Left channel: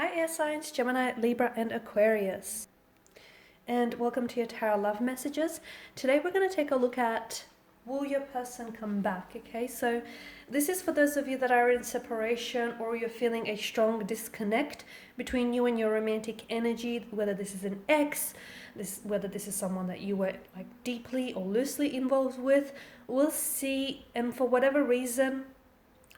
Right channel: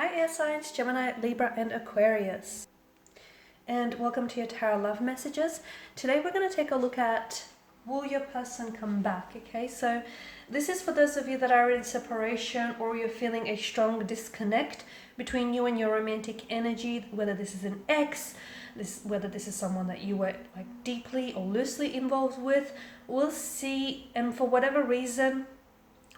Hi air signs, Gemini, Libra and Aquarius. And welcome to your Tarot Love Messages. Today we're going to take a look at will your person come back, okay? So this is for those of you that are in separation or you're feeling a strong disconnect between you and your romantic energy, whether this is an ex, whether this is someone that you were like deeply or loosely involved with. We'll see, and for whatever reason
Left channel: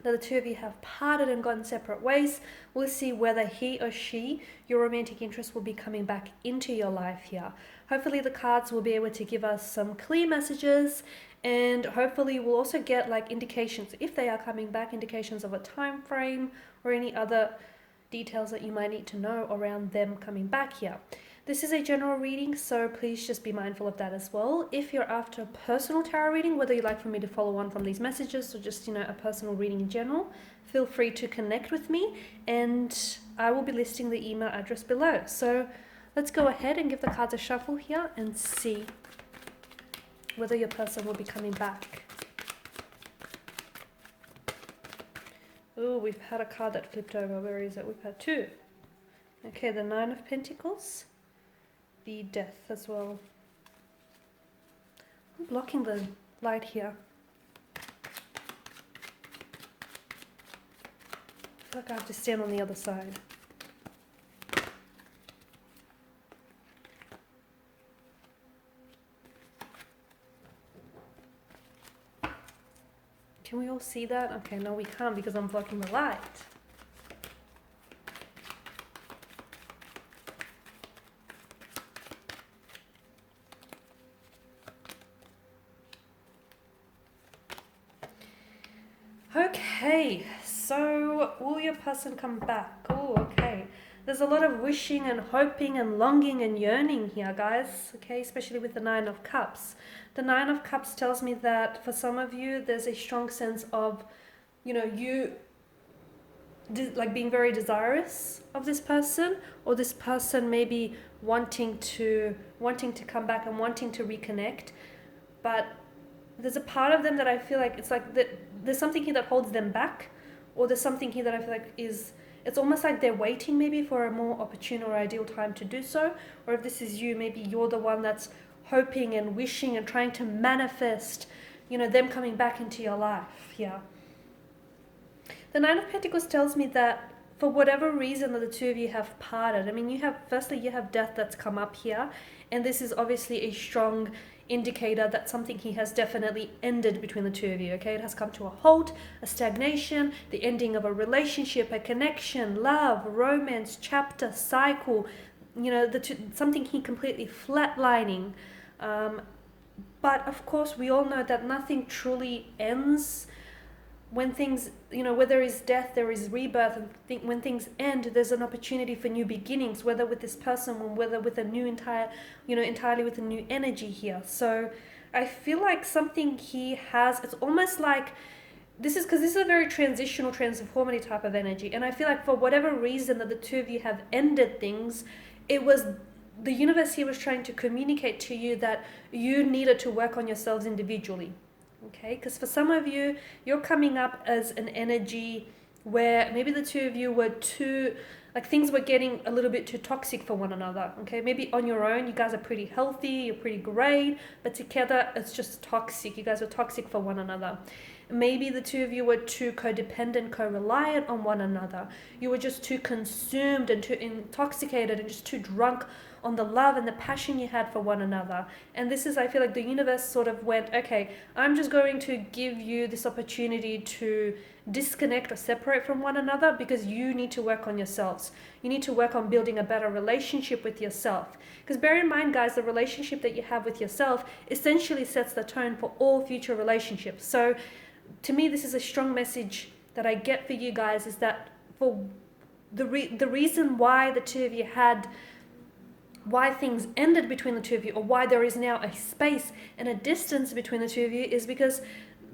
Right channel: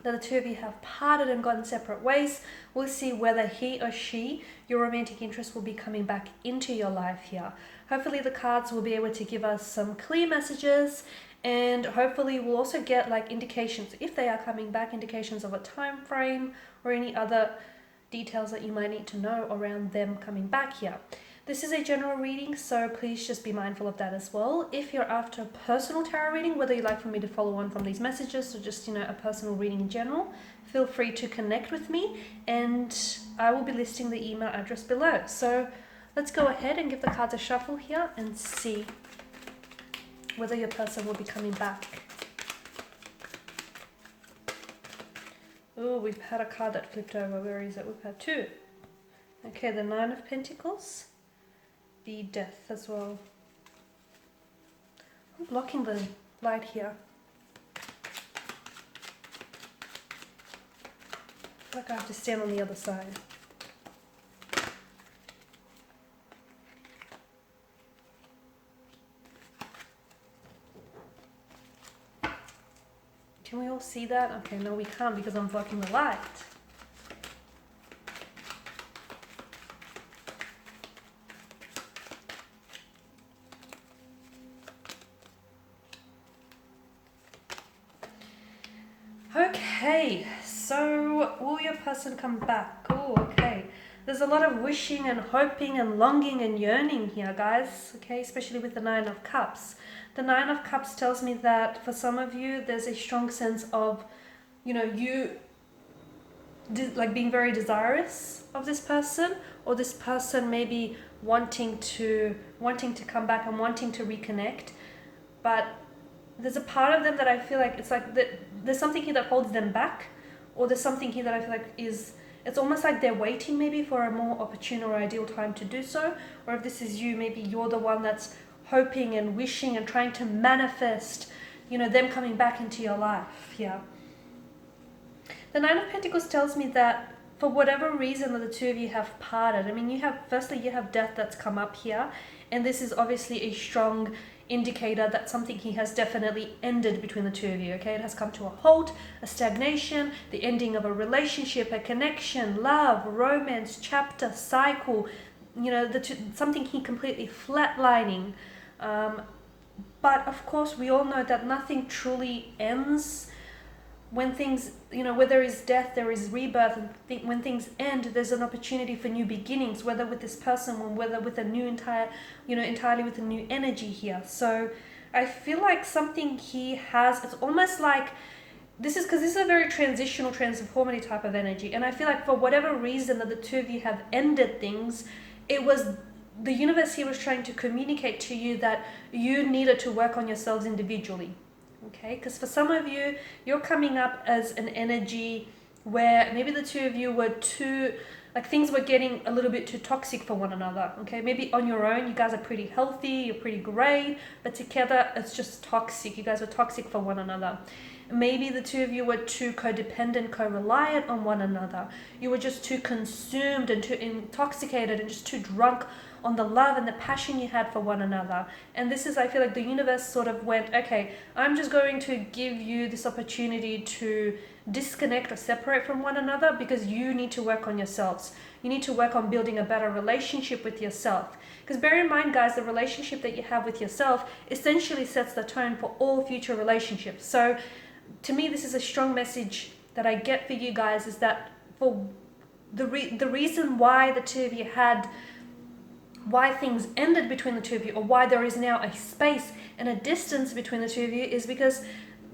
that the two of you have parted and gone separate ways, we'll see whether he or she, your romantic interest, will be coming back into your life here. Hopefully the cards will be able to give us some clear messages, and hopefully we'll also get like indications, if they are coming back, indications of a time frame or any other details that you might need to know around them coming back here. This is a general reading, so please just be mindful of that as well. If you're after a personal tarot reading, whether you'd like for me to follow on from these messages or just, a personal reading in general, feel free to connect with me and I will be listing the email address below. So let's go ahead and give the cards a shuffle here and see whether your person will be coming back. Oh, we've had a card that flipped over. Where is it? We've had two. Okay, the Nine of Pentacles. The Death as well. I'm blocking the light here. I feel like I have to stand on the other side. Can we all see that? Okay, no we can't because I'm blocking the light. Okay, so will your person come back? Oh, okay. There's a lot of wishing and hoping and longing and yearning here, guys. Okay, especially with the Nine of Cups. The Nine of Cups tells me that for some of you, there's a strong sense of, you like being very desirous of this person, or this person maybe wanting to come back and wanting to reconnect, but there's a part of them that I feel like it's like that there's something here that holds them back, or there's something here that I feel like it's almost like they're waiting maybe for a more opportune or ideal time to do so. Or if this is you, maybe you're the one that's hoping and wishing and trying to manifest, them coming back into your life. Yeah. The Nine of Pentacles tells me that for whatever reason that the two of you have parted, I mean, you have death that's come up here, and this is obviously a strong indicator that something here has definitely ended between the two of you. Okay, it has come to a halt, a stagnation, the ending of a relationship, a connection, love, romance, chapter, cycle, something here completely flatlining. But of course we all know that nothing truly ends. When things, where there is death, there is rebirth, and when things end, there's an opportunity for new beginnings, whether with this person or whether with a new entirely with a new energy here. So I feel like something he has, it's almost like, this is a very transitional, transformative type of energy. And I feel like for whatever reason that the two of you have ended things, it was the universe here was trying to communicate to you that you needed to work on yourselves individually. Okay, because for some of you, you're coming up as an energy where maybe the two of you were things were getting a little bit too toxic for one another. Okay, maybe on your own, you guys are pretty healthy, you're pretty great, but together it's just toxic. You guys are toxic for one another. Maybe the two of you were too codependent, co-reliant on one another. You were just too consumed and too intoxicated and just too drunk on the love and the passion you had for one another. And this is, I feel like the universe sort of went, okay, I'm just going to give you this opportunity to disconnect or separate from one another because you need to work on yourselves. You need to work on building a better relationship with yourself. Because bear in mind, guys, the relationship that you have with yourself essentially sets the tone for all future relationships. So to me, this is a strong message that I get for you guys, is that for the reason why the two of you why things ended between the two of you, or why there is now a space and a distance between the two of you, is because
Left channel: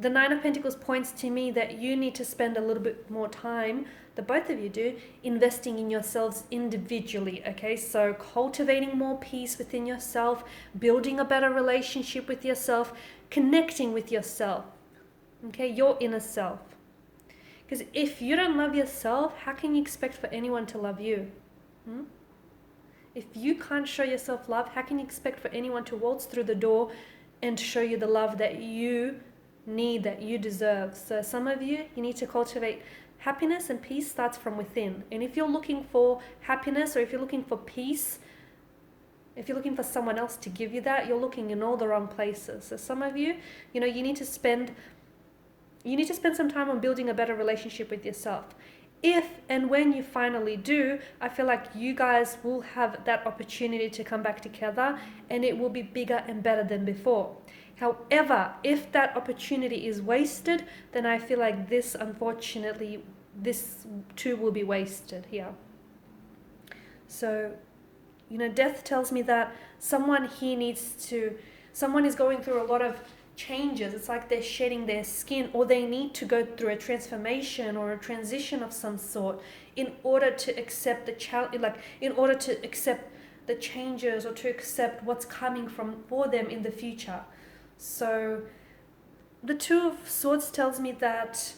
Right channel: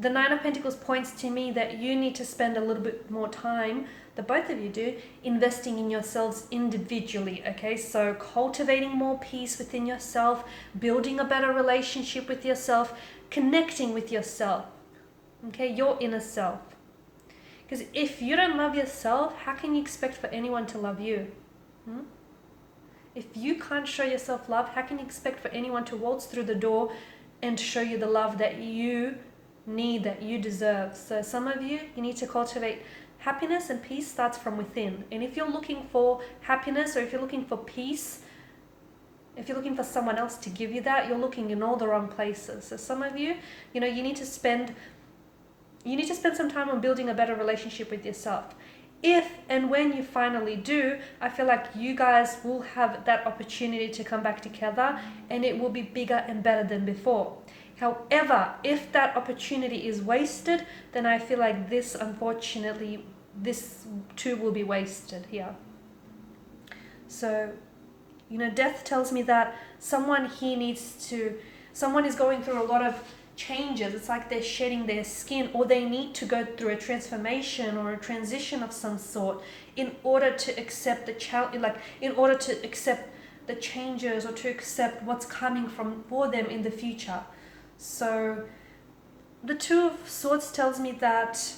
the Nine of Pentacles points to me that you need to spend a little bit more time, that both of you do, investing in yourselves individually. Okay, so cultivating more peace within yourself, building a better relationship with yourself, connecting with yourself. Okay, your inner self. Because if you don't love yourself, how can you expect for anyone to love you? If you can't show yourself love, how can you expect for anyone to waltz through the door and show you the love that you need, that you deserve? So some of you need to cultivate happiness, and peace starts from within. And if you're looking for happiness, or if you're looking for peace, if you're looking for someone else to give you that, you're looking in all the wrong places. So some of you, you need to spend some time on building a better relationship with yourself. If and when you finally do, I feel like you guys will have that opportunity to come back together, and it will be bigger and better than before. However, if that opportunity is wasted, then I feel like this too will be wasted here. So, death tells me that someone is going through a lot of changes. It's like they're shedding their skin, or they need to go through a transformation or a transition of some sort in order to accept in order to accept the changes, or to accept what's coming for them in the future. So the Two of Swords tells me that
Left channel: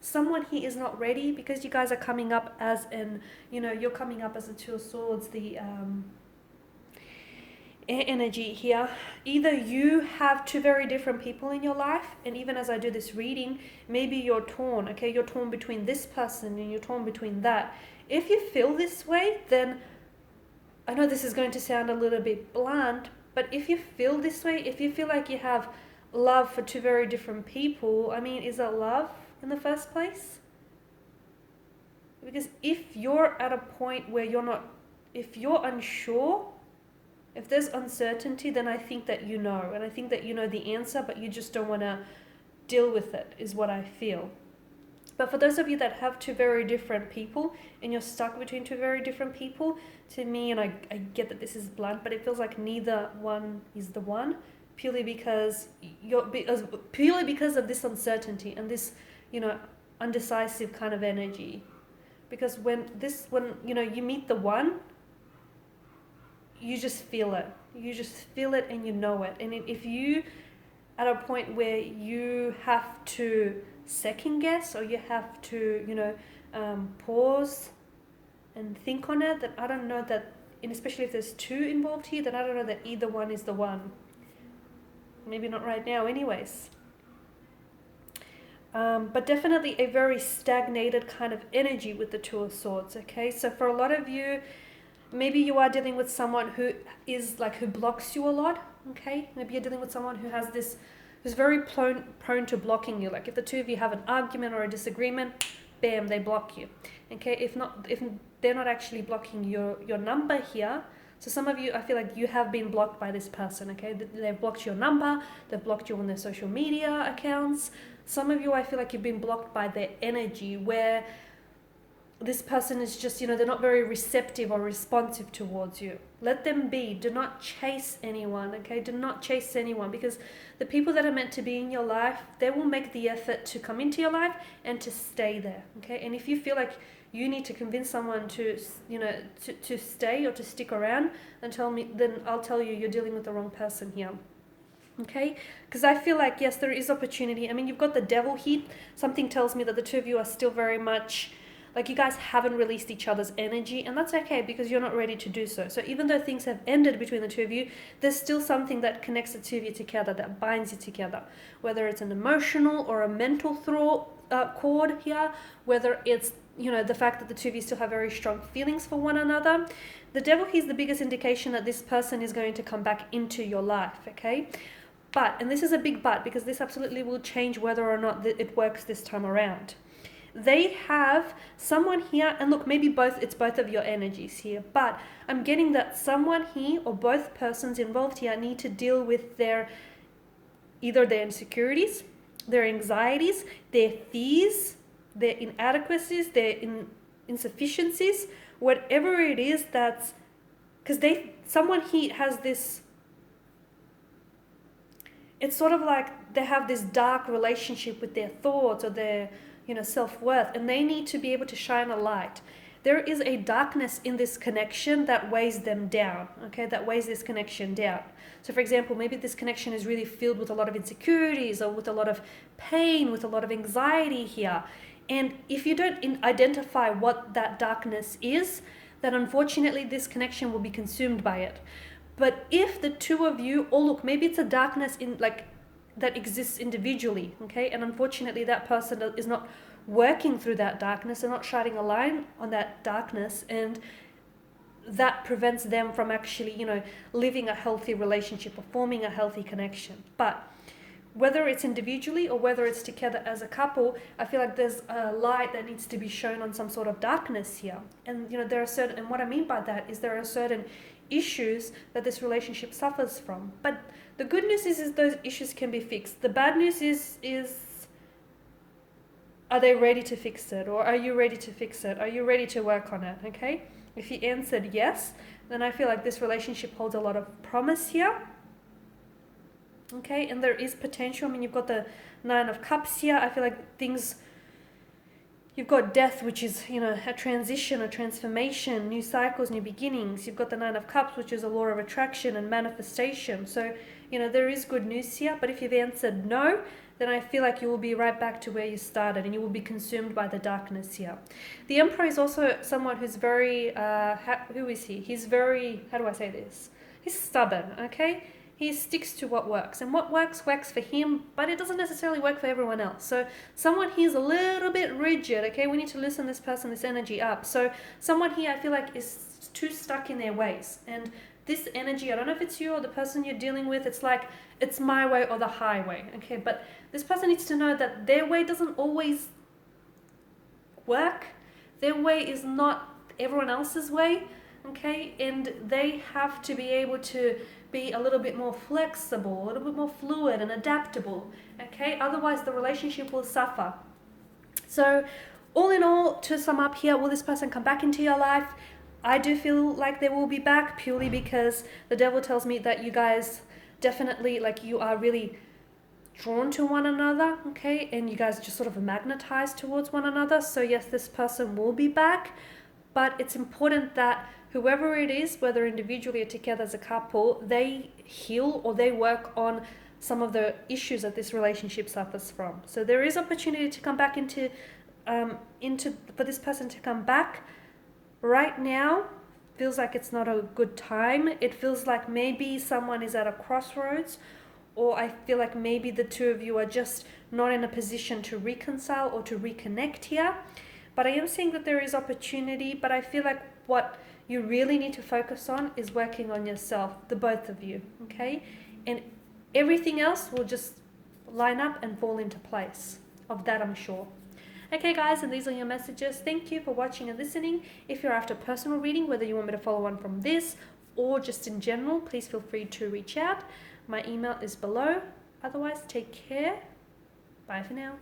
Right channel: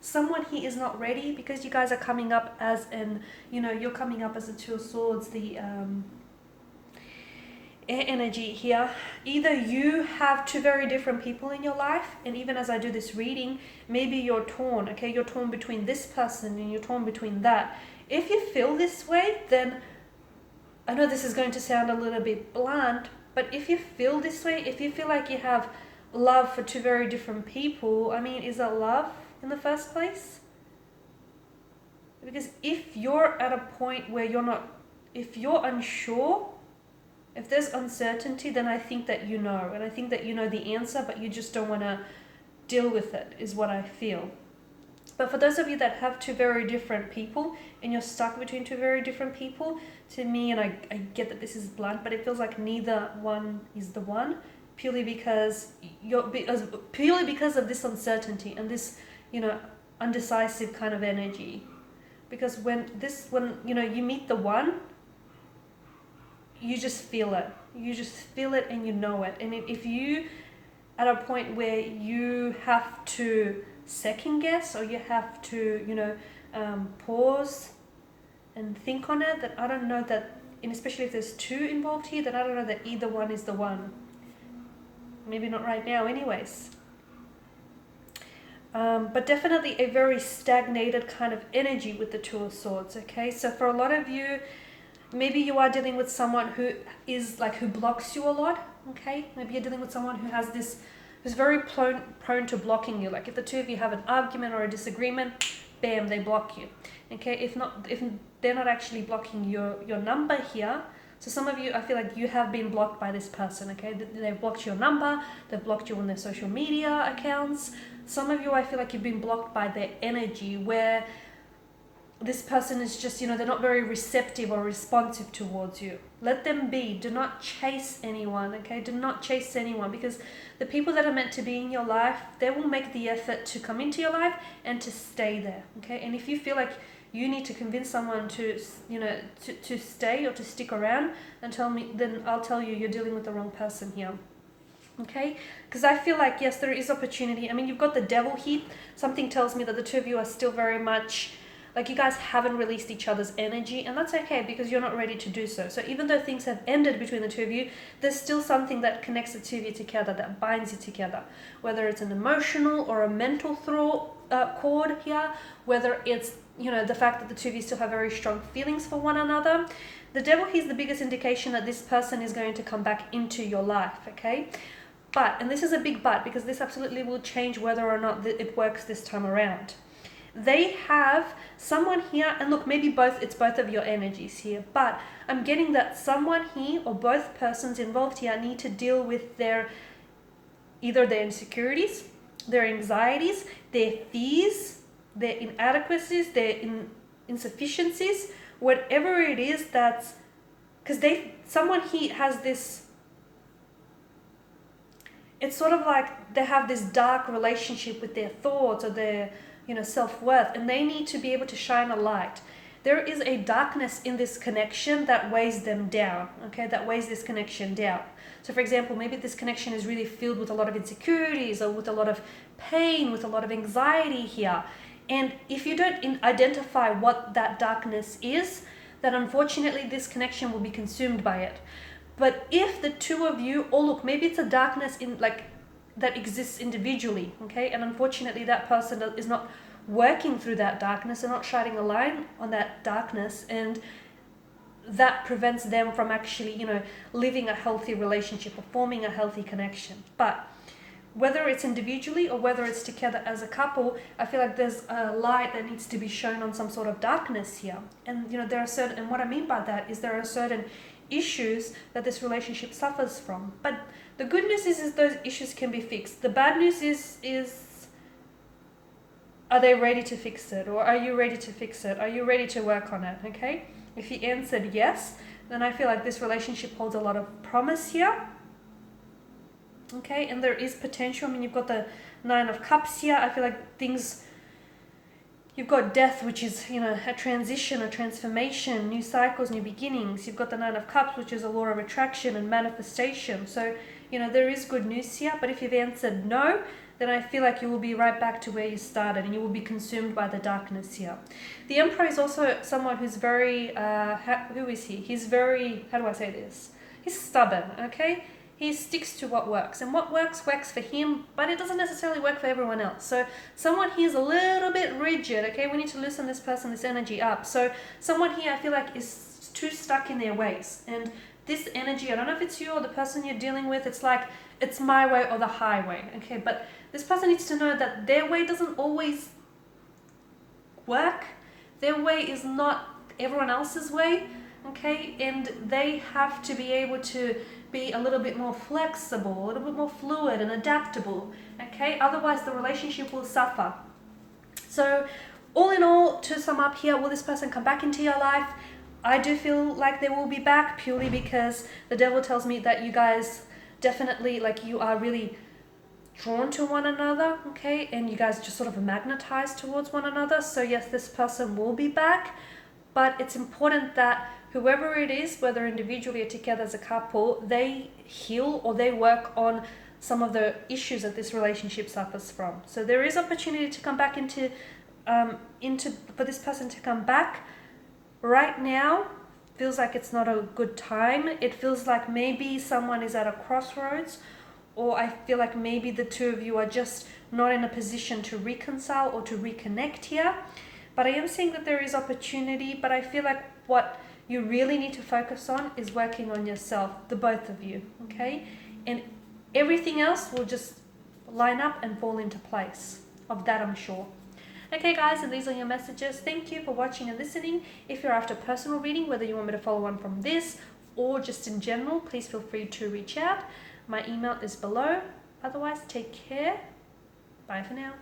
someone here is not ready, because you guys are coming up as you're coming up as the Two of Swords, the air energy here. Either you have two very different people in your life, and even as I do this reading, maybe you're torn, okay? You're torn between this person and you're torn between that. If you feel this way, then I know this is going to sound a little bit blunt, but if you feel this way, if you feel like you have love for two very different people, I mean, is that love in the first place? Because if you're at a point where if you're unsure, if there's uncertainty, then I think that you know, and I think that you know the answer, but you just don't want to deal with it, is what I feel. But for those of you that have two very different people, and you're stuck between two very different people, to me, and I get that this is blunt, but it feels like neither one is the one, purely because of this uncertainty and this, undecisive kind of energy. Because when you meet the one, you just feel it. You just feel it and you know it. And if you at a point where you have to second guess, or you have to, pause and think on it, then I don't know that, and especially if there's two involved here, then I don't know that either one is the one. Maybe not right now anyways. But definitely a very stagnated kind of energy with the Two of Swords, okay? So for a lot of you, maybe you are dealing with someone who blocks you a lot, okay? Maybe you're dealing with someone who's very prone to blocking you. Like if the two of you have an argument or a disagreement, bam, they block you, okay? If they're not actually blocking your number here, so some of you, I feel like you have been blocked by this person, okay? They've blocked your number, they've blocked you on their social media accounts. Some of you, I feel like you've been blocked by their energy, where this person is just, they're not very receptive or responsive towards you. Let them be. Do not chase anyone, okay? Do not chase anyone, because the people that are meant to be in your life, they will make the effort to come into your life and to stay there, okay? And if you feel like you need to convince someone to stay or to stick around, then I'll tell you, you're dealing with the wrong person here. Okay, because I feel like, yes, there is opportunity. I mean, you've got the Devil here. Something tells me that the two of you are still very much like, you guys haven't released each other's energy, and that's okay, because you're not ready to do so. So even though things have ended between the two of you, there's still something that connects the two of you together, that binds you together, whether it's an emotional or a mental cord here, whether it's the fact that the two of you still have very strong feelings for one another. The Devil here is the biggest indication that this person is going to come back into your life, okay? But, and this is a big but, because this absolutely will change whether or not it works this time around. They have someone here, and look, maybe it's both of your energies here, but I'm getting that someone here, or both persons involved here, need to deal with either their insecurities, their anxieties, their fears, their inadequacies, their insufficiencies, whatever it is that's, because someone here has this, it's sort of like they have this dark relationship with their thoughts or their self-worth, and they need to be able to shine a light. There is a darkness in this connection that weighs them down, okay, that weighs this connection down. So for example, maybe this connection is really filled with a lot of insecurities, or with a lot of pain, with a lot of anxiety here, And if you don't identify what that darkness is, then unfortunately this connection will be consumed by it. But if the two of you, or look, maybe it's a darkness in like that exists individually, okay, and unfortunately that person is not working through that darkness and not shining a light on that darkness, and that prevents them from actually, you know, living a healthy relationship or forming a healthy connection. But whether it's individually or whether it's together as a couple, I feel like there's a light that needs to be shown on some sort of darkness here. And you know, there are certain, and what I mean by that is there are certain issues that this relationship suffers from. But the good news is those issues can be fixed. The bad news is are they ready to fix it, or are you ready to fix it? Are you ready to work on it? Okay, if you answered yes, then I feel like this relationship holds a lot of promise here. Okay, and there is potential. I mean, you've got the Nine of Cups here. I feel like things, you've got death, which is, you know, a transition, a transformation, new cycles, new beginnings. You've got the Nine of Cups, which is a law of attraction and manifestation. So, you know, there is good news here. But if you've answered no, then I feel like you will be right back to where you started and you will be consumed by the darkness here. The Emperor is also someone who's very, who is he? He's very, how do I say this? He's stubborn, okay? He sticks to what works, and what works for him, but it doesn't necessarily work for everyone else. So someone here is a little bit rigid, okay? We need to loosen this person, this energy up. So someone here I feel like is too stuck in their ways, and this energy, I don't know if it's you or the person you're dealing with, it's like it's my way or the highway, okay? But this person needs to know that their way doesn't always work. Their way is not everyone else's way, okay? And they have to be able to be a little bit more flexible, a little bit more fluid and adaptable, okay? Otherwise the relationship will suffer. So all in all, to sum up here, will this person come back into your life? I do feel like they will be back, purely because the devil tells me that you guys definitely, like, you are really drawn to one another, okay? And you guys just sort of magnetized towards one another. So yes, this person will be back, but it's important that whoever it is, whether individually or together as a couple, they heal or they work on some of the issues that this relationship suffers from. So there is opportunity to come back into for this person to come back. Right now, feels like it's not a good time. It feels like maybe someone is at a crossroads, or I feel like maybe the two of you are just not in a position to reconcile or to reconnect here. But I am seeing that there is opportunity, but I feel like what you really need to focus on is working on yourself, the both of you, okay? And everything else will just line up and fall into place. Of that, I'm sure. Okay, guys, and these are your messages. Thank you for watching and listening. If you're after personal reading, whether you want me to follow on from this or just in general, please feel free to reach out. My email is below. Otherwise, take care. Bye for now.